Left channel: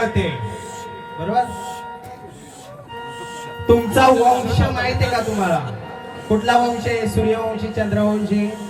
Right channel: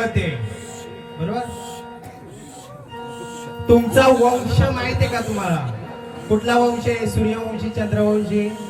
होते. बरोबर? तुमचा वंश माहिती आहे का तुम्हाला? कुठला वंश आहे? सूर्यवंशी चंद्रवंशी?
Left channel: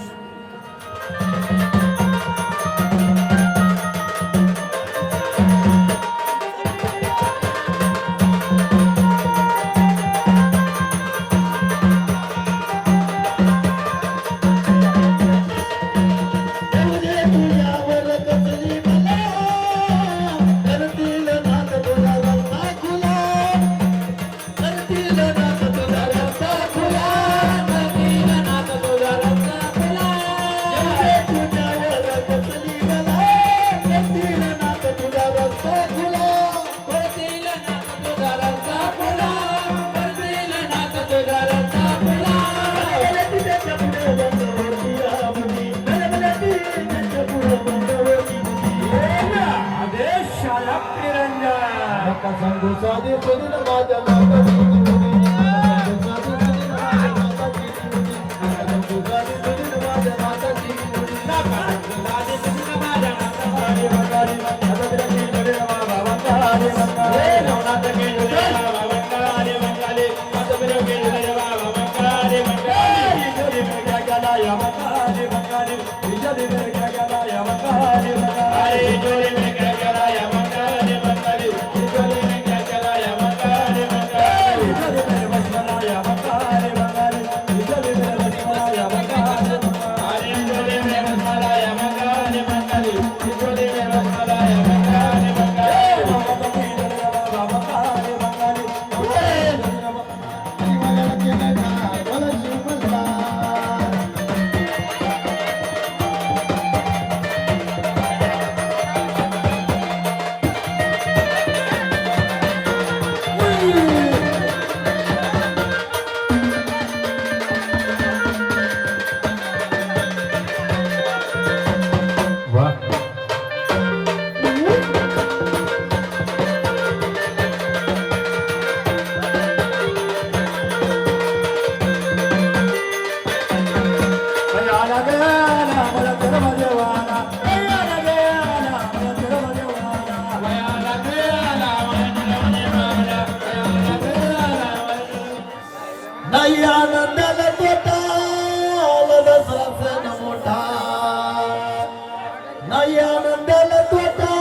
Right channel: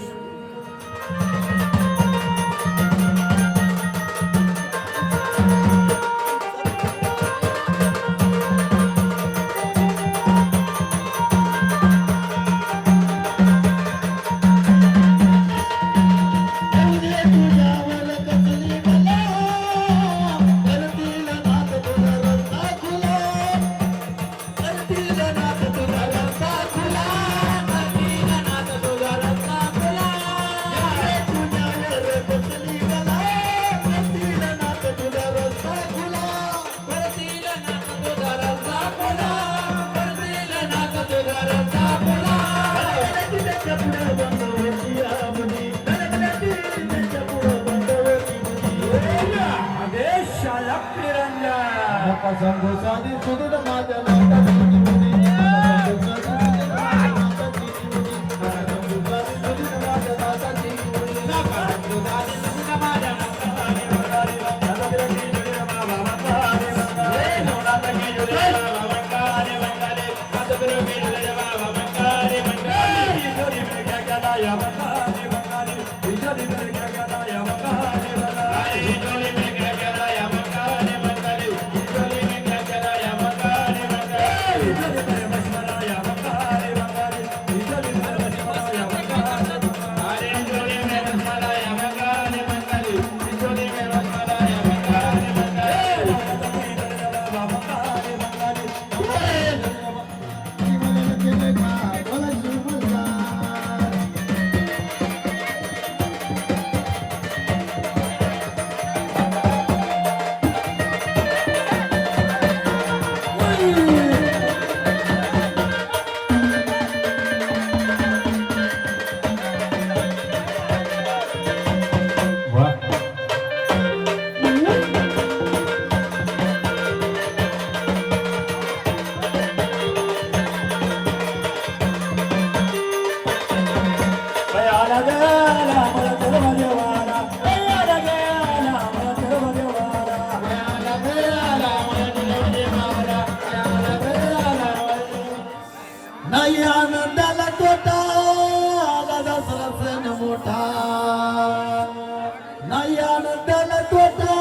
नाही आनंदाला तोटा.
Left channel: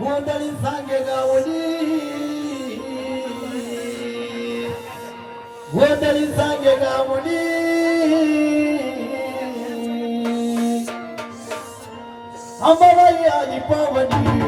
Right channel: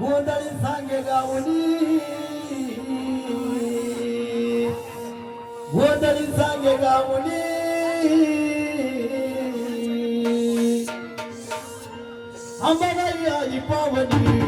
गोंधळी सांगे गावली. गोंधळी सांगे गावली. अंबाबाई आली पावनी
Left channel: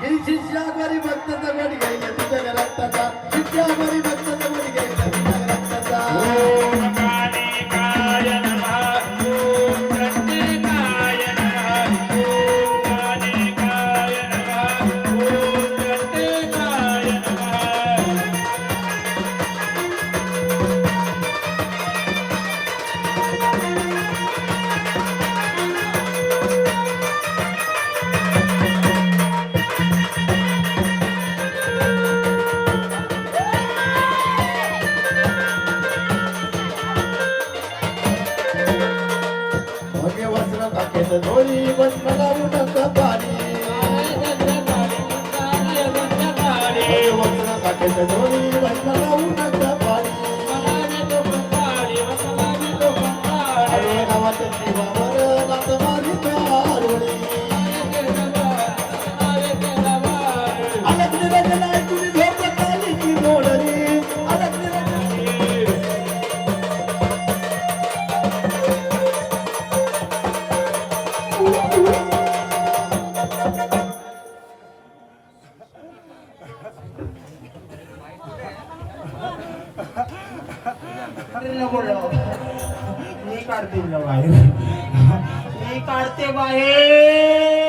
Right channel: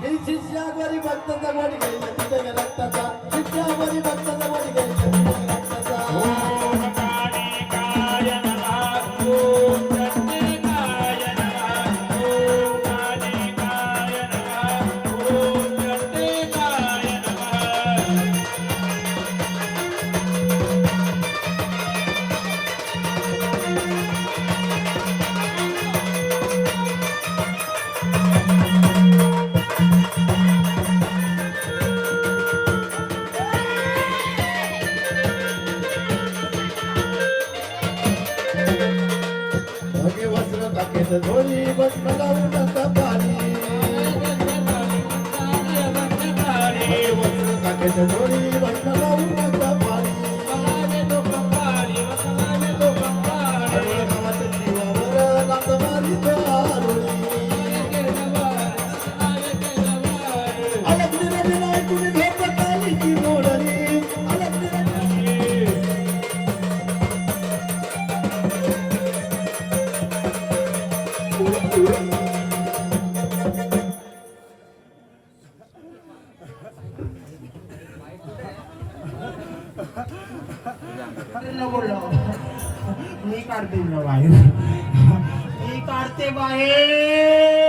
ನಿನ್ ಶಿಷ್ಯಾಗರಿ ಭಕ್ತ ತಗೊಂಡಿಗೆ. अरे नको मी काढते तुला बाहेर मी काढते बाहेर